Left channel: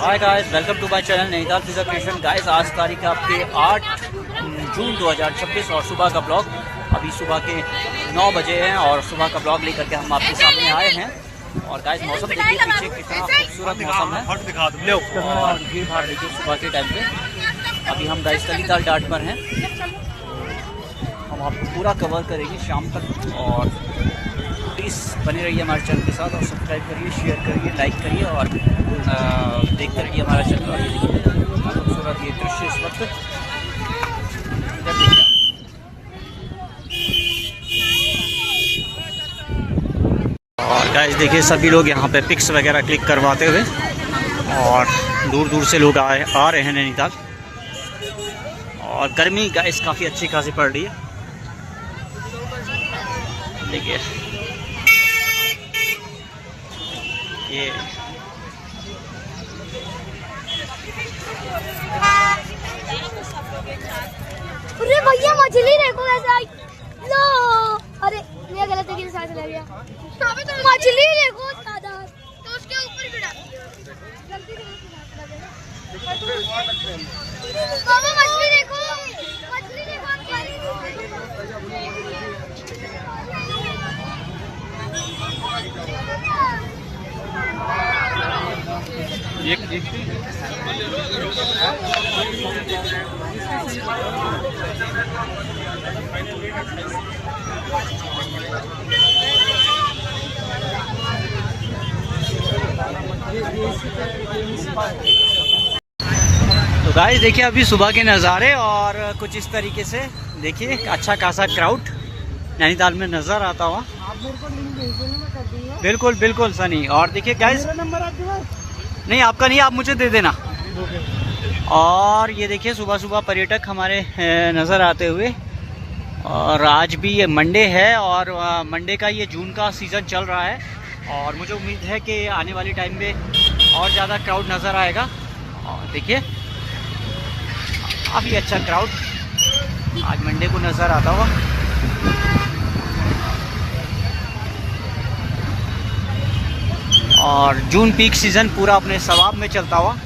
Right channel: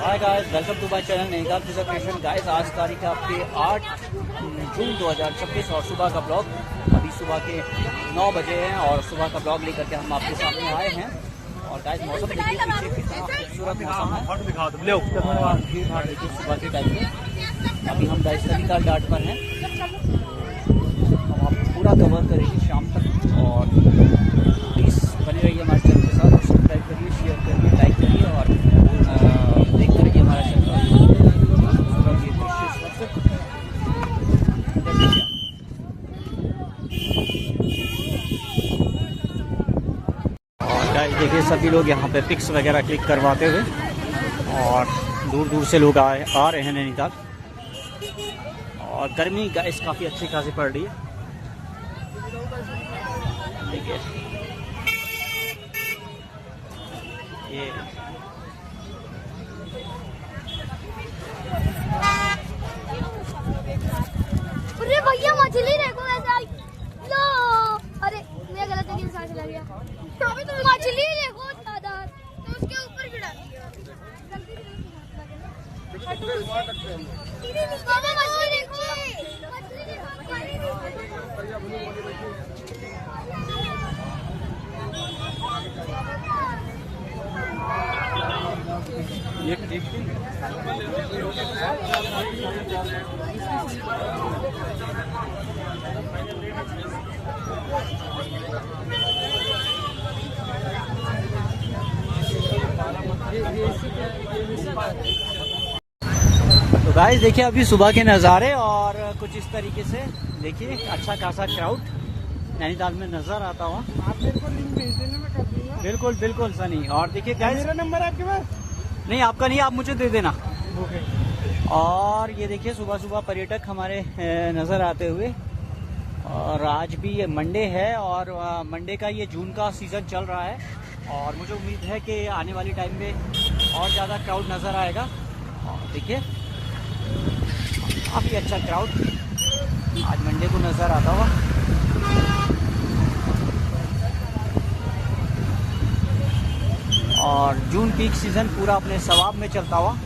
Hi guys, welcome to my channel Nainital Fiza creation. Guys, आज तारीख है आपके 8 जून 2026 और सुबह का ब्लॉग अभी सुबह के 9 बजे हैं और सुबह का ब्लॉग लेकर के हम आपके सामने आए हैं। और गाइस, मौसम देखिए पीछे कितना खूबसूरत मौसम है और भीड़ भाड़ देखिए सुबह के टाइम पे। अभी हम गाइस नैनीताल डाट पर हैं, हम आपको पूरा कवर करेंगे शाम तक। और प्लीज़ बने रहिए हमारे चैनल के साथ और सब्सक्राइब करिए, शेयर करिए, लाइक करिए और देखते रहिए हमारा चैनल। खूबसूरत ये दृश्य इस वक्त और गाइस देखिए सभी लोग यहाँ पे पिक्स वगैरह क्लिक करवाते हुए और दूर दूर से लोग आ रहे हैं नैनीताल। और गर्मी गाइस काफ़ी अच्छी खासी पड़ रही है। देखिए ये अरे भैया मछली देखो ऐसा लो। अरे मैं गलत तरीके से सांस ले लिया। मछली देखो दादा, तो उसके ऊपर गिरा। बाबा मछली देखो, मछली देखो। तो गाइस देखिए अभी सुबह के नज़ारे और कुछ इस तरीके से देखिए अच्छा खासा क्राउड नैनीताल में नज़र आता हुआ। आप मेरे को लिंक भेज देना, मैं कर दूंगा। बिल्कुल बिल्कुल सनी। और देखिए गाइस, मेरा नंबर आपके पास नहीं आपका नहीं, आप मुझे दे देना। ओके। और ये देखिए सुबह सुबह पर्यटक हमारे नज़र आते हुए। और आज भी ये मंडे है और मंडे का ये जून का सीज़न चल रहा है और मुझे उम्मीद है कि आने वाली टाइम में और ज़्यादा क्राउड नज़र आएगा। और देखिए काफ़ी अच्छा क्राउड आज मंडे को नज़र आता हुआ। और जून पीक सीज़न पूरा अपने सवाब में चलता हुआ।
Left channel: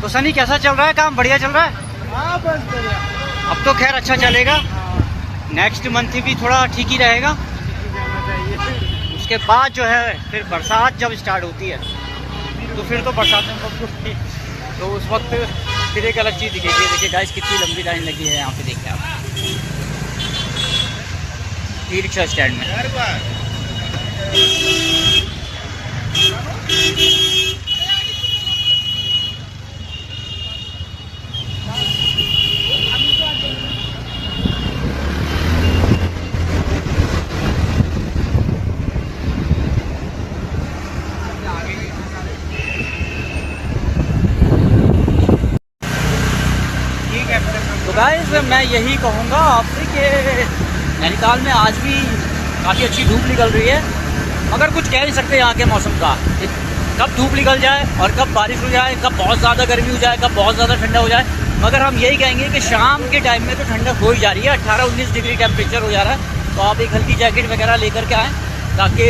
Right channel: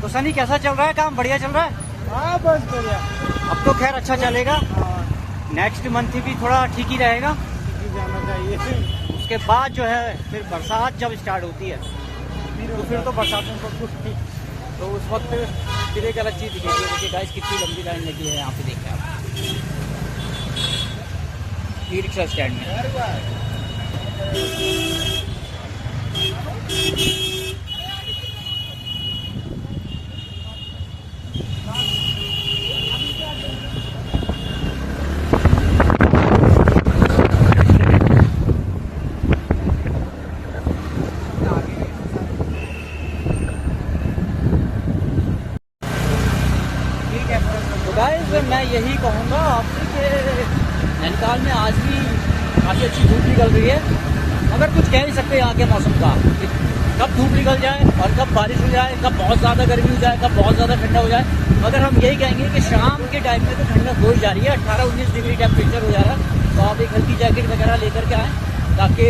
तो सनी कैसा चल रहा है काम? बढ़िया चल रहा है? हाँ बस बढ़िया। अब तो खैर अच्छा चलेगा। नेक्स्ट मंथ भी थोड़ा ठीक ही रहेगा। जाना चाहिए। उसके बाद जो है फिर बरसात जब स्टार्ट होती है तो फिर तो बरसात में तो उस वक्त फिर एक अलग चीज़ दिखेगी। देखिए गाइस कितनी लंबी लाइन लगी है यहाँ पे, देखिए आप ई रिक्शा स्टैंड में। तो गाइस मैं यही कहूँगा आपसे कि नैनीताल में आज भी काफ़ी अच्छी धूप निकल रही है, मगर कुछ कह नहीं सकते यहाँ के मौसम का। कब धूप निकल जाए और कब बारिश हो जाए, कब बहुत ज़्यादा गर्मी हो जाए, कब बहुत ज़्यादा ठंडा हो जाए। मगर हम यही कहेंगे कि शाम के टाइम में तो ठंडक हो ही जा रही है। 18-19 डिग्री टेम्परेचर हो जा रहा है। तो आप एक हल्की जैकेट वगैरह लेकर के आएँ ताकि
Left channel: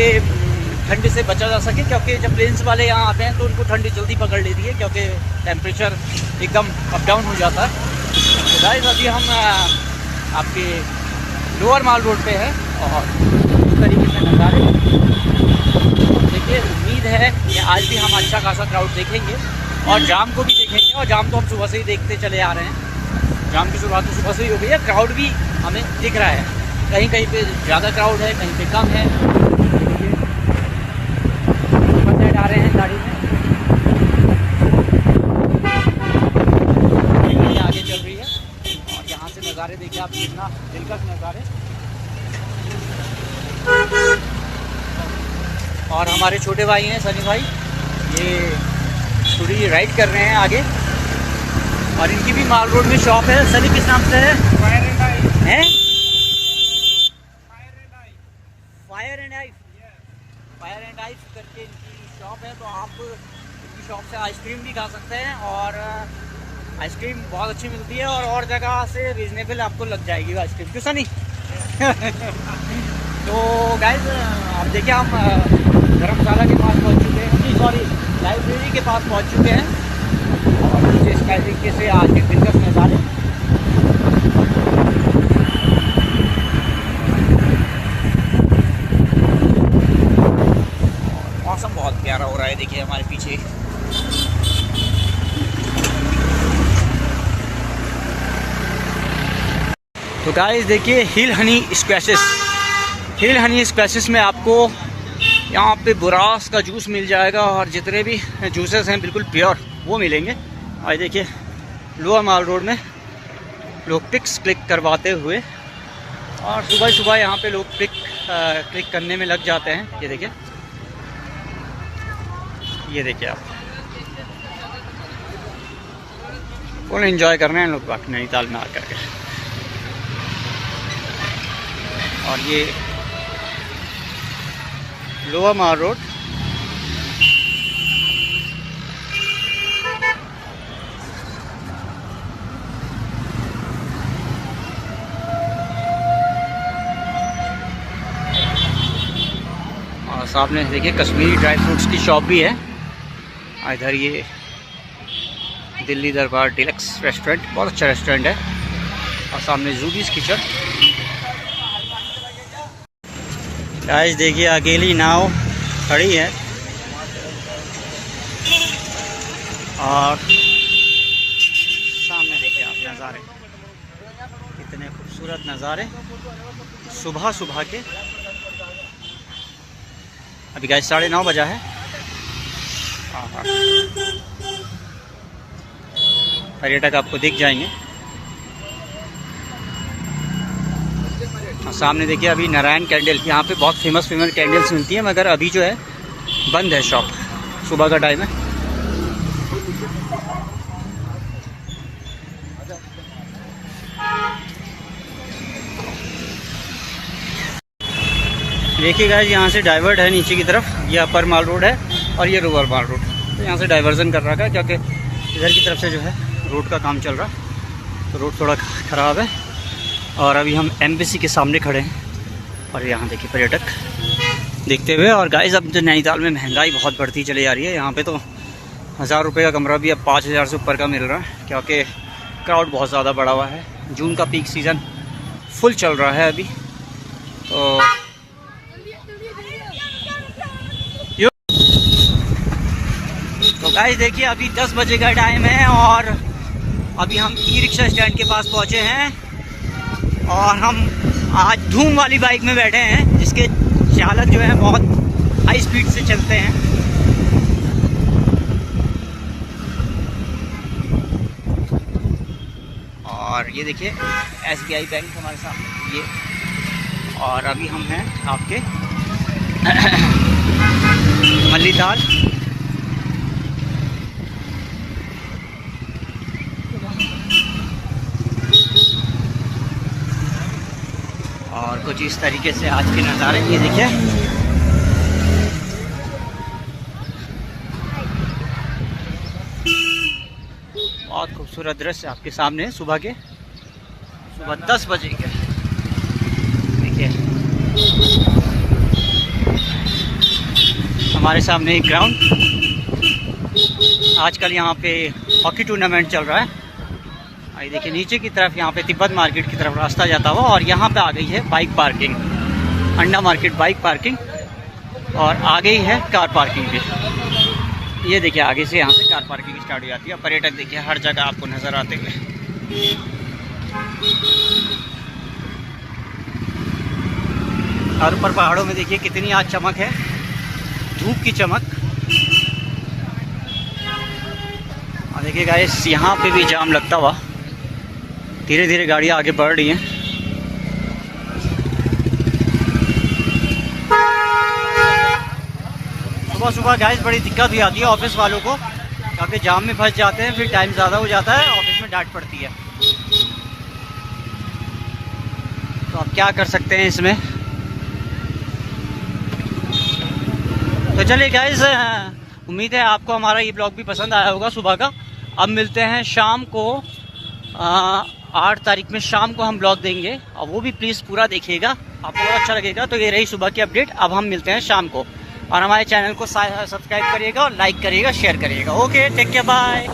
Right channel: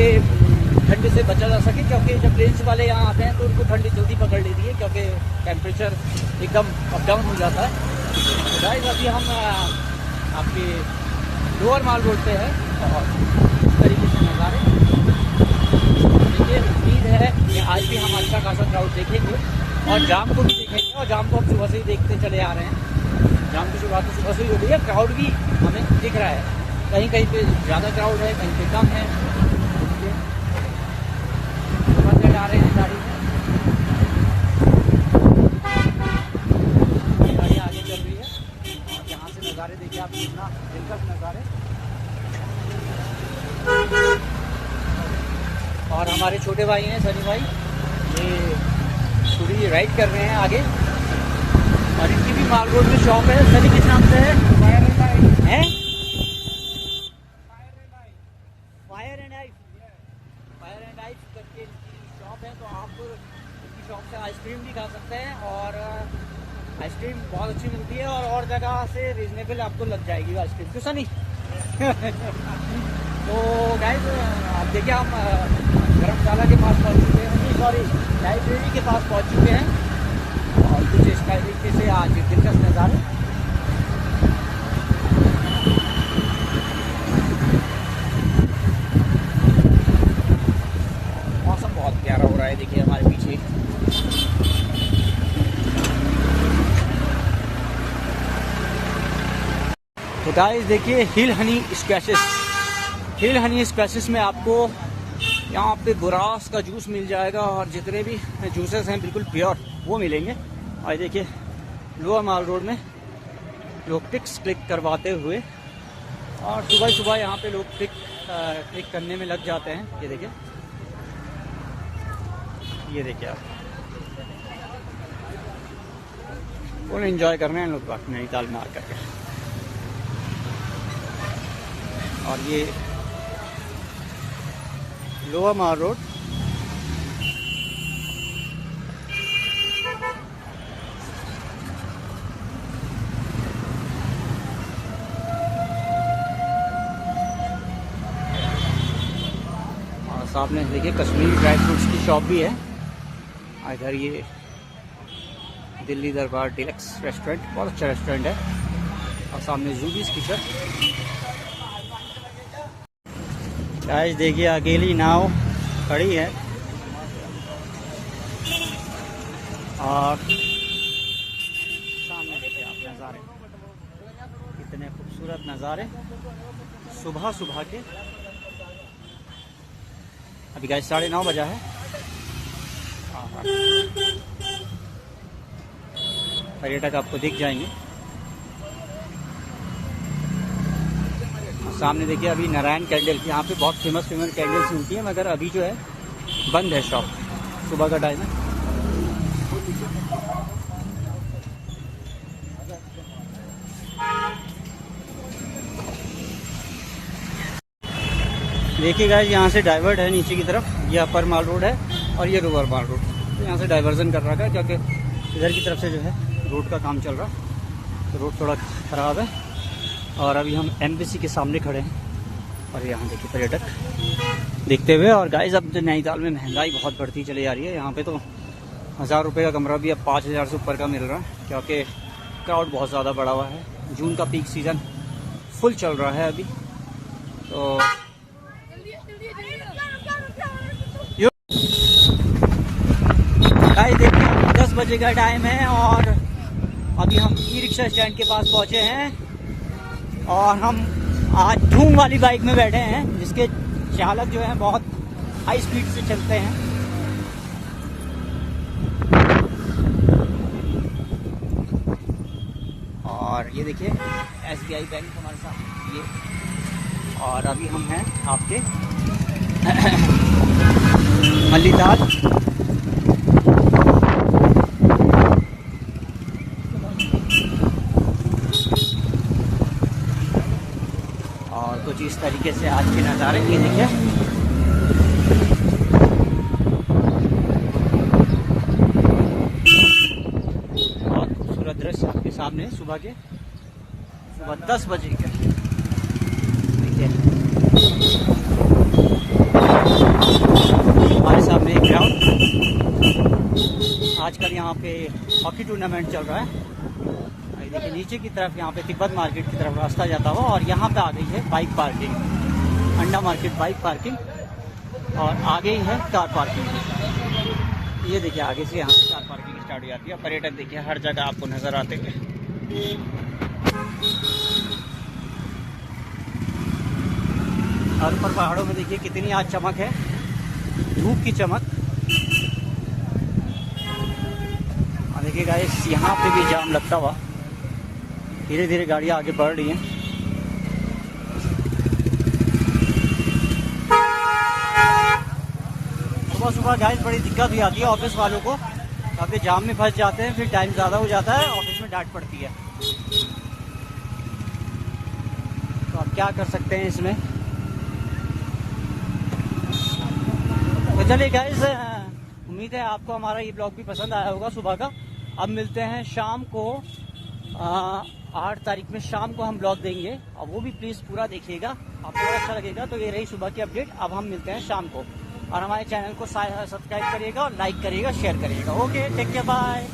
ठंड से बचा जा सके, क्योंकि जब प्लेन्स वाले यहाँ आते हैं तो उनको ठंडी जल्दी पकड़ लेती है क्योंकि टेम्परेचर एकदम अप डाउन हो जाता है। तो गाइस अभी हम आपके लोअर माल रोड पे है और इस तरीके से नज़ारे देखिए। उम्मीद है कि आज भी हम अच्छा खासा क्राउड देखेंगे और जाम को भी देखेंगे। और जाम तो हम सुबह से ही देखते चले आ रहे हैं। जाम की शुरुआत तो सुबह से ही हो गई है। क्राउड भी हमें दिख रहा है, कहीं कहीं पे ज़्यादा क्राउड है, कहीं पे कम है। बंदे आ रहे हैं गाड़ी में, आगे चल रही है। और यहाँ से नज़ारे देखिए आप, कितना दिलकश नज़ारे। और हमारे छोटे भाई हैं सनी भाई, ये थोड़ी राइड कर रहे हैं आगे। और इनकी भी माल रोड में शॉप है। सनी किस नाम से है? Fire and ice. हैं? Fire and ice. Fire and ice. Fire and ice करके इनकी शॉप है। तो आप इनकी शॉप से आइसक्रीम भी खा सकते हैं और आइसक्रीम बहुत अच्छी मिलती है और जगह से रीजनेबल आपको लग जाएगी वो आइसक्रीम। क्यों सनी? तो गाइस आप देखिए, हम धर्मशाला के पास पहुँच चुके हैं। सॉरी, लाइब्रेरी के पास पहुंच चुके हैं और नीचे इस तरीके से आज के दिलकश नज़ारे। मौसम बहुत प्यारा हो रहा है, देखिए हमारे पीछे। तो गाइस देखिए हिल हनी स्क्वैशेस में आपको यहाँ पे बुरास का जूस मिल जाएगा और जितने भी जूसेस हैं बिल्कुल प्योर वो मिलेंगे। और देखिए लोअर माल रोड में लोग पिक्स क्लिक करवाते हुए, और सुबह सुबह यहाँ पे लोग क्लिक करने में लग जाते हैं। ये देखिए आप फुल एंजॉय कर रहे हैं लोग बाकी नैनीताल में आकर के। और ये लोअर माल रोड और सामने देखिए कश्मीरी ड्राई फ्रूट्स की शॉप भी है। इधर ये दिल्ली दरबार डिलक्स रेस्टोरेंट, बहुत अच्छा रेस्टोरेंट है। और सामने जूबीज किचन। गाइस देखिए अकेली नाव खड़ी है और सामने देखिए आप नज़ारे, कितने खूबसूरत नज़ारे सुबह सुबह के। अभी गाइस 9:30 बजा है। पर्यटक आपको दिख जाएंगे। सामने देखिए अभी नारायण कैंडल, यहाँ पे बहुत फेमस कैंडल्स मिलती हैं, मगर अभी जो है बंद है शॉप, सुबह का टाइम है। देखिए गाइस यहाँ से डाइवर्ट है नीचे की तरफ, ये अपर माल रोड है और ये लोअर माल रोड। तो यहाँ से डाइवर्जन कर रखा है क्योंकि इधर की तरफ से जो है रोड का काम चल रहा है, तो रोड थोड़ा ख़राब है। और अभी हम एम्बेसी के सामने खड़े हैं और यहाँ देखिए पर्यटक देखते हुए। और गाइस अब तो नैनीताल में महंगाई बहुत बढ़ती चली जा रही है। यहाँ पे तो 1000 रुपये का कमरा भी अब 5000 से ऊपर का मिल रहा है, क्योंकि क्राउड बहुत ज़्यादा बढ़ा हुआ है। जून का पीक सीज़न फुल चल रहा है अभी। तो गाइस देखिए अभी 10 बजे का टाइम है और अभी हम ई रिक्शा स्टैंड के पास पहुँचे हैं और हम आज धूम वाली बाइक में बैठे हैं, जिसके चालक जो हैं बहुत हाई स्पीड से चलते हैं। और ये देखिए SBI बैंक हमारे साथ ये। और अभी हम हैं आपके मल्लीताल। और कुछ इस तरीके से आज के नज़ारे ये देखिए। बहुत खूबसूरत दृश्य आपके सामने सुबह 10 बजे के। देखिए हमारे सामने एक ग्राउंड, आजकल यहाँ पे हॉकी टूर्नामेंट चल रहा है। ये देखिए नीचे की तरफ यहाँ पे तिब्बत मार्केट की तरफ रास्ता जाता हुआ, और यहाँ पे आ गई है बाइक पार्किंग, अंडा मार्केट बाइक पार्किंग, और आगे ही है कार पार्किंग भी। ये देखिए आगे से यहाँ से कार पार्किंग स्टार्ट हो जाती है। पर्यटक देखिए हर जगह आपको नज़र आते हुए। और ऊपर पहाड़ों में देखिए कितनी आज चमक है, धूप की चमक। और देखिए गाइस यहाँ पे भी जाम लगता हुआ, धीरे धीरे गाड़ियाँ आगे बढ़ रही हैं। सुबह सुबह गाइस बड़ी दिक्कत भी आती है ऑफिस वालों को, क्योंकि जाम में फंस जाते हैं, फिर टाइम ज़्यादा हो जाता है, ऑफिस में डांट पड़ती है। तो अब क्या कर सकते हैं इसमें। तो चलिए गाइस, उम्मीद है आपको हमारा ये ब्लॉग भी पसंद आया होगा सुबह का। अब मिलते हैं शाम को, 8 तारीख में शाम को हम ब्लॉग देंगे, और वो भी प्लीज़ पूरा देखिएगा, आपको बहुत अच्छा लगेगा। तो ये रही सुबह की अपडेट। अब हम मिलते हैं शाम को। और हमारे चैनल को सब्सक्राइब करिएगा और लाइक करिएगा, शेयर करिएगा। Okay, take care, bye.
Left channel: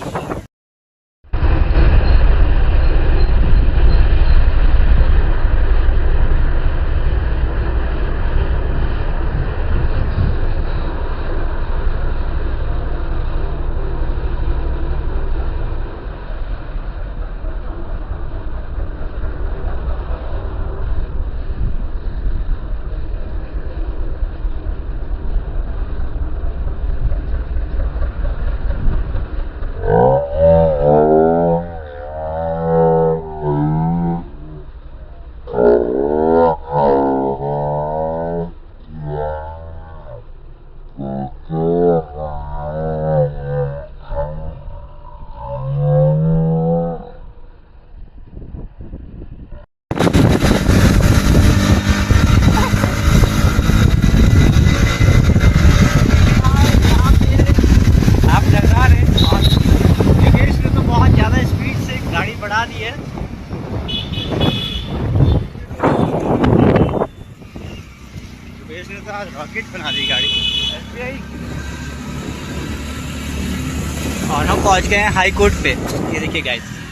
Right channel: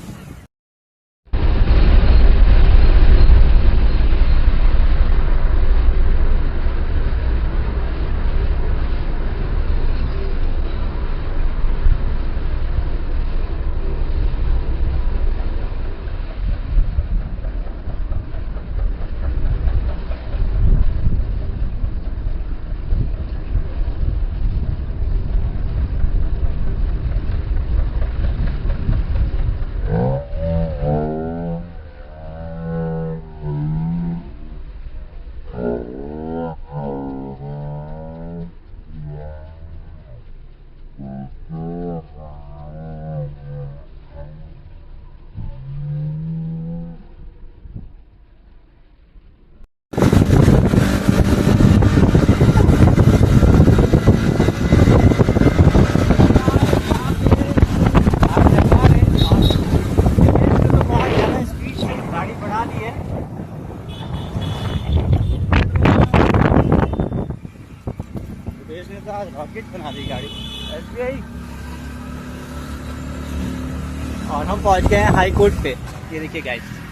गाड़ी बढ़ा दी है। ने तो आज रॉकेट बना दी गाड़ी। और हम पहुंच गए हैं हाई कोर्ट पे। ये देखिए गाइस।